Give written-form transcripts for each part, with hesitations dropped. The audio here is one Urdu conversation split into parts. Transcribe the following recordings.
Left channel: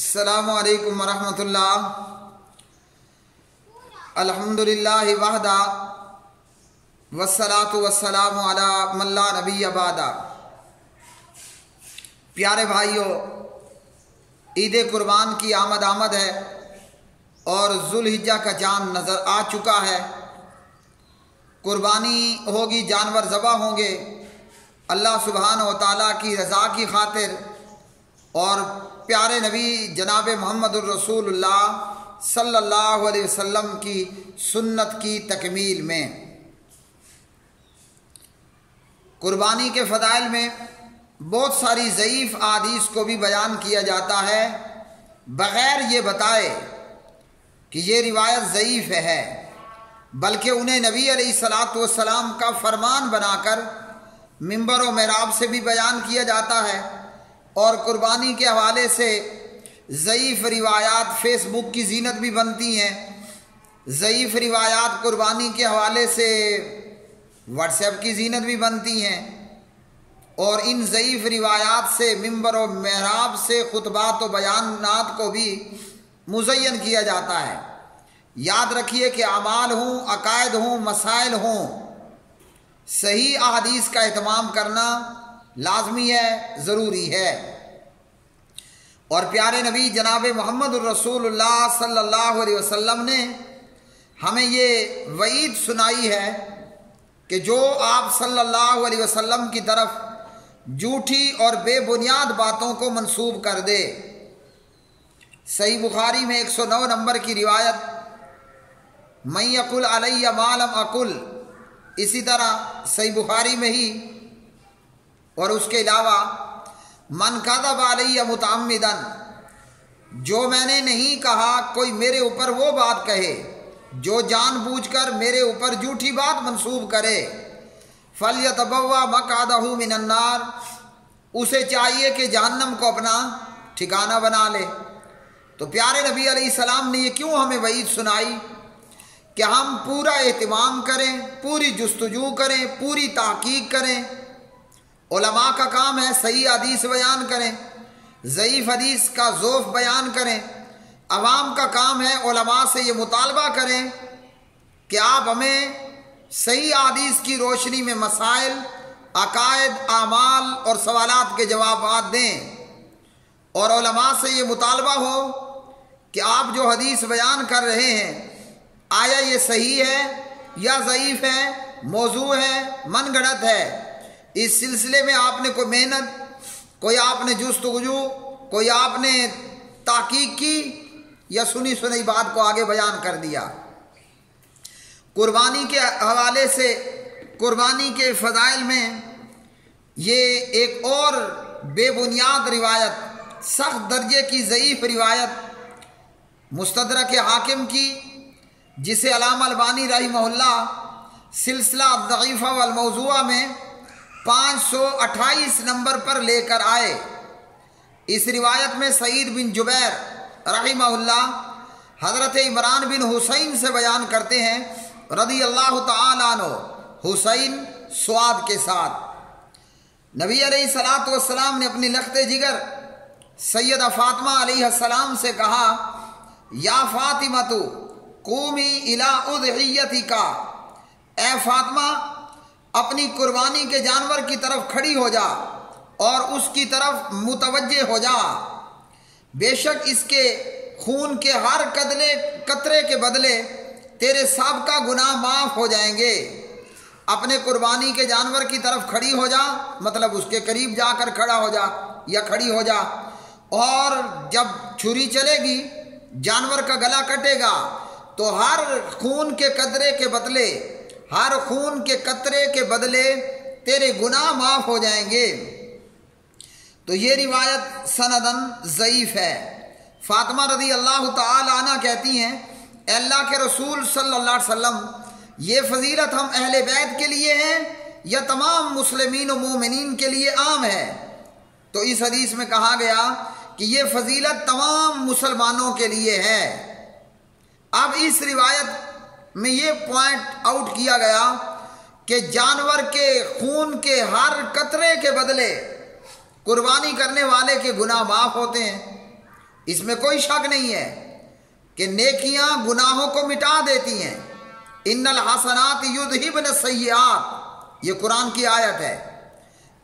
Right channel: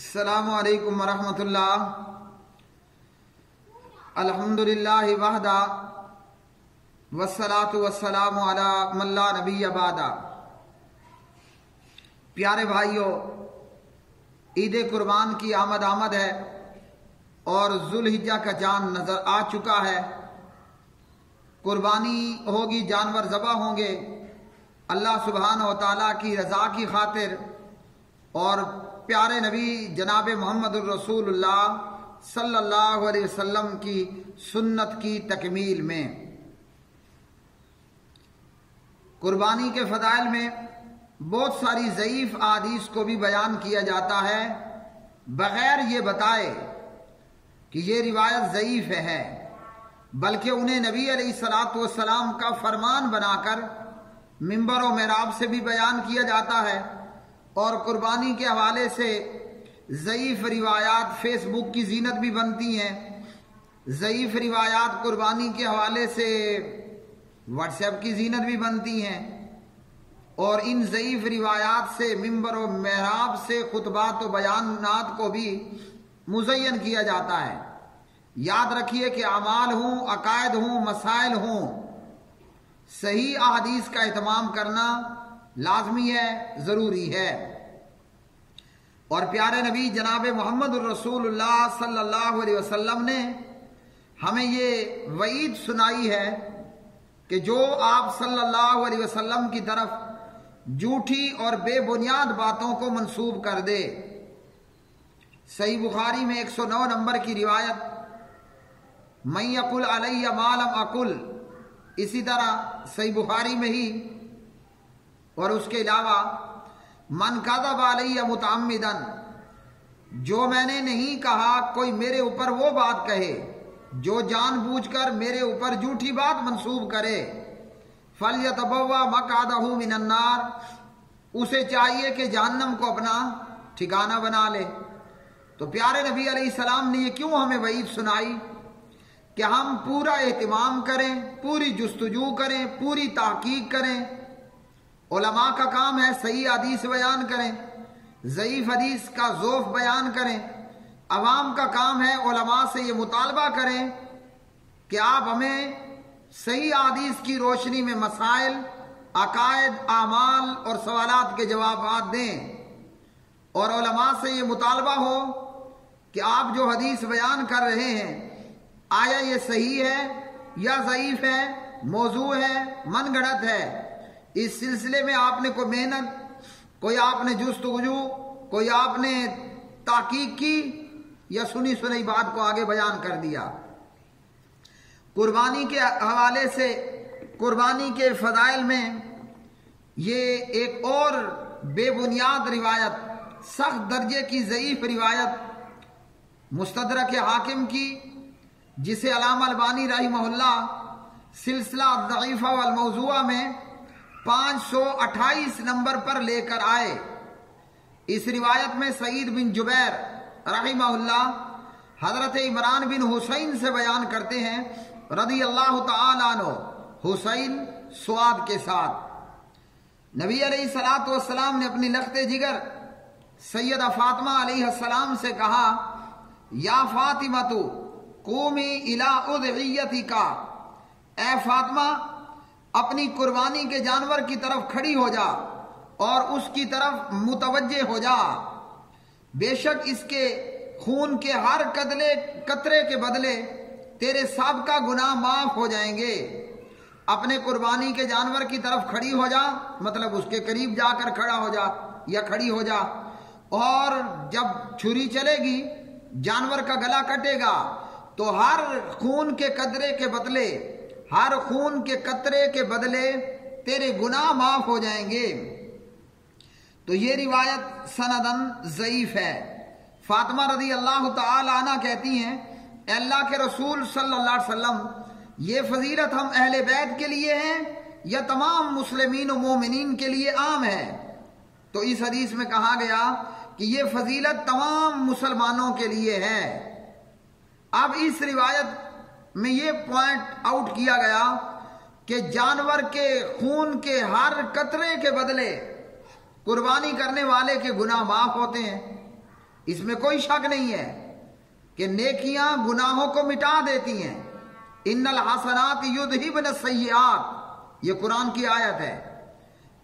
السلام علیکم ورحمۃ اللہ۔ الحمدللہ وحدہ والصلاۃ والسلام علی من لا نبی بعدہ۔ پیارے بھائیوں، عید قربان کی آمد ہے اور ذوالحجہ کا چاند نظر آ چکا ہے۔ قربانی ہوگی، جانور ذبح ہوں گے اللہ سبحانہ و تعالیٰ کی رضا کی خاطر اور پیارے نبی جناب محمد الرسول اللہ صلی اللہ علیہ وسلم کی سنت کی تکمیل میں۔ قربانی کے فضائل میں بہت ساری ضعیف احادیث کو بھی بیان کیا جاتا ہے بغیر یہ بتائے کہ یہ روایت ضعیف ہے، بلکہ انہیں نبی علیہ الصلاۃ والسلام کا فرمان بنا کر منبر و محراب سے بھی بیان کیا جاتا ہے، اور قربانی کے حوالے سے ضعیف روایات فیس بک کی زینت بھی بنتی ہیں، ضعیف روایات قربانی کے حوالے سے واٹس ایپ کی زینت بھی بنتی ہیں، اور ان ضعیف روایات سے منبر و محراب سے خطبات و بیانات کو بھی مزین کیا جاتا ہے۔ یاد رکھیے کہ اعمال ہوں، عقائد ہوں، مسائل ہوں، صحیح احادیث کا اہتمام کرنا لازمی ہے، ضروری ہے۔ اور پیارے نبی جناب محمد الرسول اللہ صلی اللہ علیہ وسلم نے ہمیں یہ وعید سنائی ہے کہ جو آپ صلی اللہ علیہ وسلم کی طرف جھوٹی اور بے بنیاد باتوں کو منسوب کر دے۔ صحیح بخاری میں 109 نمبر کی روایت، من یقل علی ما لم اقل، اسی طرح صحیح بخاری میں ہی، اور اس کے علاوہ من کذب علی متعمدا، جو میں نے نہیں کہا کوئی میرے اوپر وہ بات کہے جو جان بوجھ کر میرے اوپر جھوٹی بات منسوب کرے، فلیتبوأ مقعدہ من النار، اسے چاہیے کہ جہنم کو اپنا ٹھکانہ بنا لے۔ تو پیارے نبی علیہ السلام نے یہ کیوں ہمیں وعید سنائی کہ ہم پورا اہتمام کریں، پوری جستجو کریں، پوری تحقیق کریں۔ علماء کا کام ہے صحیح حدیث بیان کریں، ضعیف حدیث کا ضعف بیان کریں۔ عوام کا کام ہے علماء سے یہ مطالبہ کریں کہ آپ ہمیں صحیح حدیث کی روشنی میں مسائل، عقائد، اعمال اور سوالات کے جوابات دیں، اور علماء سے یہ مطالبہ ہو کہ آپ جو حدیث بیان کر رہے ہیں آیا یہ صحیح ہے یا ضعیف ہے، موضوع ہے، من گھڑت ہے۔ اس سلسلے میں آپ نے کوئی محنت، کوئی آپ نے جستجو، کوئی آپ نے تحقیق کی، یا سنی سنی بات کو آگے بیان کر دیا۔ قربانی کے حوالے سے قربانی کے فضائل میں یہ ایک اور بے بنیاد روایت، سخت درجے کی ضعیف روایت مستدرک حاکم کی، جسے علامہ البانی رحمہ اللہ سلسلہ الضعیفہ والموضوعہ میں 528 نمبر پر لے کر آئے۔ اس روایت میں سعید بن جبیر رحمہ اللہ حضرت عمران بن حسین سے بیان کرتے ہیں رضی اللہ تعالی عنہ، حسین سواد کے ساتھ۔ نبی علیہ الصلاۃ والسلام نے اپنی لخت جگر سیدہ فاطمہ علیہ السلام سے کہا، یا فاطمہ قومی الی اضحیتک، اے فاطمہ اپنی قربانی کے جانور کی طرف کھڑی ہو جا اور اس کی طرف متوجہ ہو جا، بے شک اس کے خون کے ہر قطرے کے بدلے تیرے سابقہ گناہ معاف ہو جائیں گے۔ اپنے قربانی کے جانور کی طرف کھڑی ہو جا، مطلب اس کے قریب جا کر کھڑا ہو جا یا کھڑی ہو جا، اور جب چھری چلے گی جانور کا گلا کٹے گا تو ہر خون کے قطرے کے بدلے تیرے گناہ معاف ہو جائیں گے۔ تو یہ روایت سندن ضعیف ہے۔ فاطمہ رضی اللہ تعالی عنہ کہتی ہیں، اے اللہ کے رسول صلی اللہ علیہ وسلم، یہ فضیلت ہم اہل بیت کے لیے ہیں یا تمام مسلمین و مومنین کے لیے عام ہے؟ تو اس حدیث میں کہا گیا کہ یہ فضیلت تمام مسلمانوں کے لیے ہے۔ اب اس روایت میں یہ پوائنٹ آؤٹ کیا گیا کہ جانور کے خون کے ہر قطرے کے بدلے قربانی کرنے والے کے گناہ معاف ہوتے ہیں، اس میں کوئی شک نہیں ہے کہ نیکیاں گناہوں کو مٹا دیتی ہیں۔ ان الحسنات یذہبن السیئات، یہ قرآن کی آیت ہے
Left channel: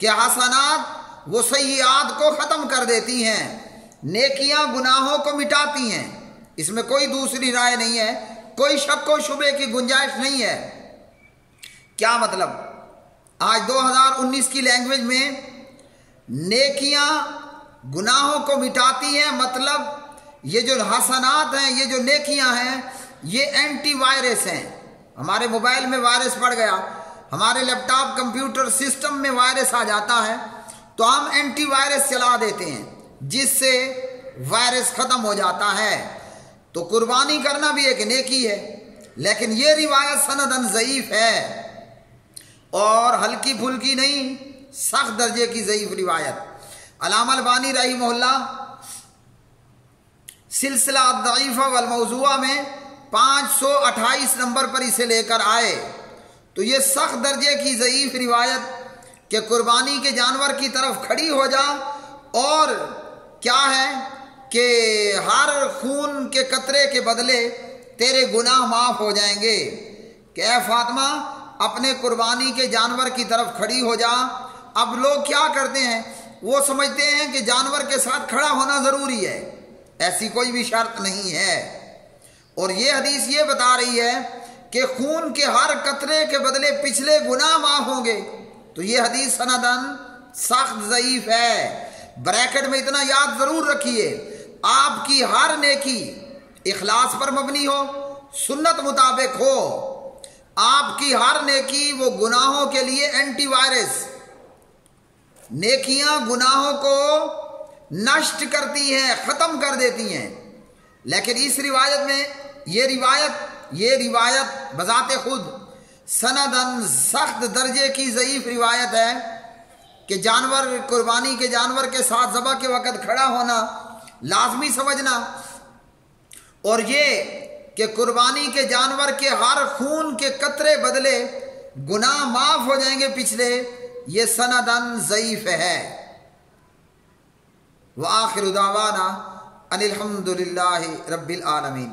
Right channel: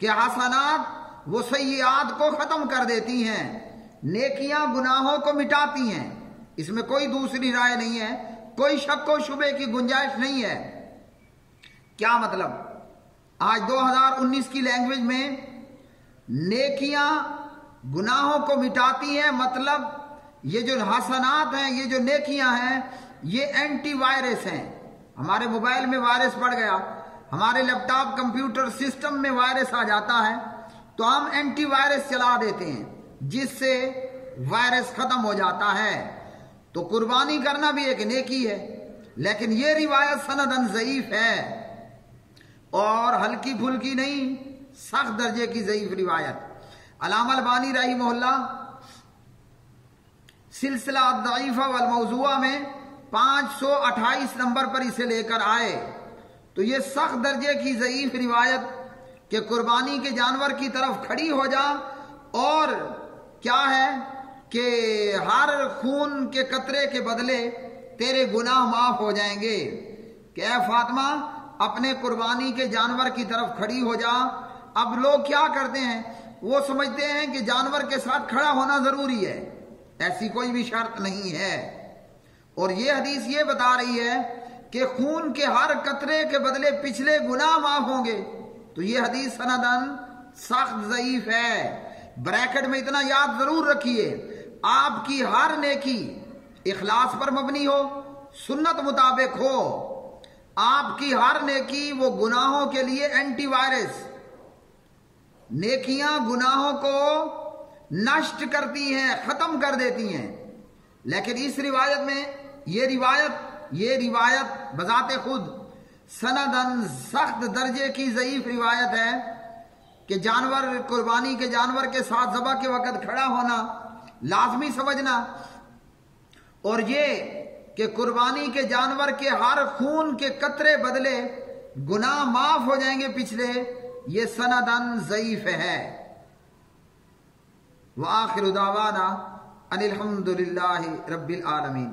کہ حسنات وہ سیئات کو ختم کر دیتی ہیں، نیکیاں گناہوں کو مٹاتی ہیں۔ اس میں کوئی دوسری رائے نہیں ہے، کوئی شک و شبے کی گنجائش نہیں ہے۔ کیا مطلب؟ آج 2019 کی لینگویج میں نیکیاں گناہوں کو مٹاتی ہیں، مطلب یہ جو حسنات ہیں، یہ جو نیکیاں ہیں، یہ اینٹی وائرس ہیں۔ ہمارے موبائل میں وائرس پڑ گیا، ہمارے لیپ ٹاپ کمپیوٹر سسٹم میں وائرس آ جاتا ہے تو ہم اینٹی وائرس چلا دیتے ہیں جس سے وائرس ختم ہو جاتا ہے۔ تو قربانی کرنا بھی ایک نیکی ہے، لیکن یہ روایت سندن ضعیف ہے اور ہلکی پھلکی نہیں، سخت درجے کی ضعیف روایت۔ علامہ البانی رحمہ اللہ سلسلہ الضعیفہ والموضوعہ میں 528 نمبر پر اسے لے کر آئے تو یہ سخت درجے کی ضعیف روایت کہ قربانی کے جانور کی طرف کھڑی ہو جا اور کیا ہے کہ ہر خون کے قطرے کے بدلے تیرے گناہ معاف ہو جائیں گے، کہ اے فاطمہ اپنے قربانی کے جانور کی طرف کھڑی ہو جا۔ اب لوگ کیا کرتے ہیں، وہ سمجھتے ہیں کہ جانور کے ساتھ کھڑا ہونا ضروری ہے، ایسی کوئی بھی شرط نہیں ہے۔ اور یہ حدیث یہ بتا رہی ہے کہ خون کے ہر قطرے کے بدلے پچھلے گناہ معاف ہوں گے، تو یہ حدیث سندن سخت ضعیف ہے۔ بریکٹ میں اتنا یاد ضرور رکھیے، آپ کی ہر نیکی اخلاص پر مبنی ہو، سنت مطابق ہو، آپ کی ہر نیکی وہ گناہوں کے لیے اینٹی وائرس، نیکیاں گناہوں کو نشٹ کرتی ہیں، ختم کر دیتی ہیں۔ لیکن اس روایت میں یہ روایت بذات خود سندن سخت درجے کی ضعیف روایت ہے کہ جانور قربانی کے جانور کے ساتھ ذبح کے وقت کھڑا ہونا لازمی سمجھنا، اور یہ کہ قربانی کے جانور کے ہر خون کے قطرے بدلے گناہ معاف ہو جائیں گے پچھلے، یہ سندن ضعیف ہے۔ وآخر دعوانا ان الحمد للہ رب العالمین۔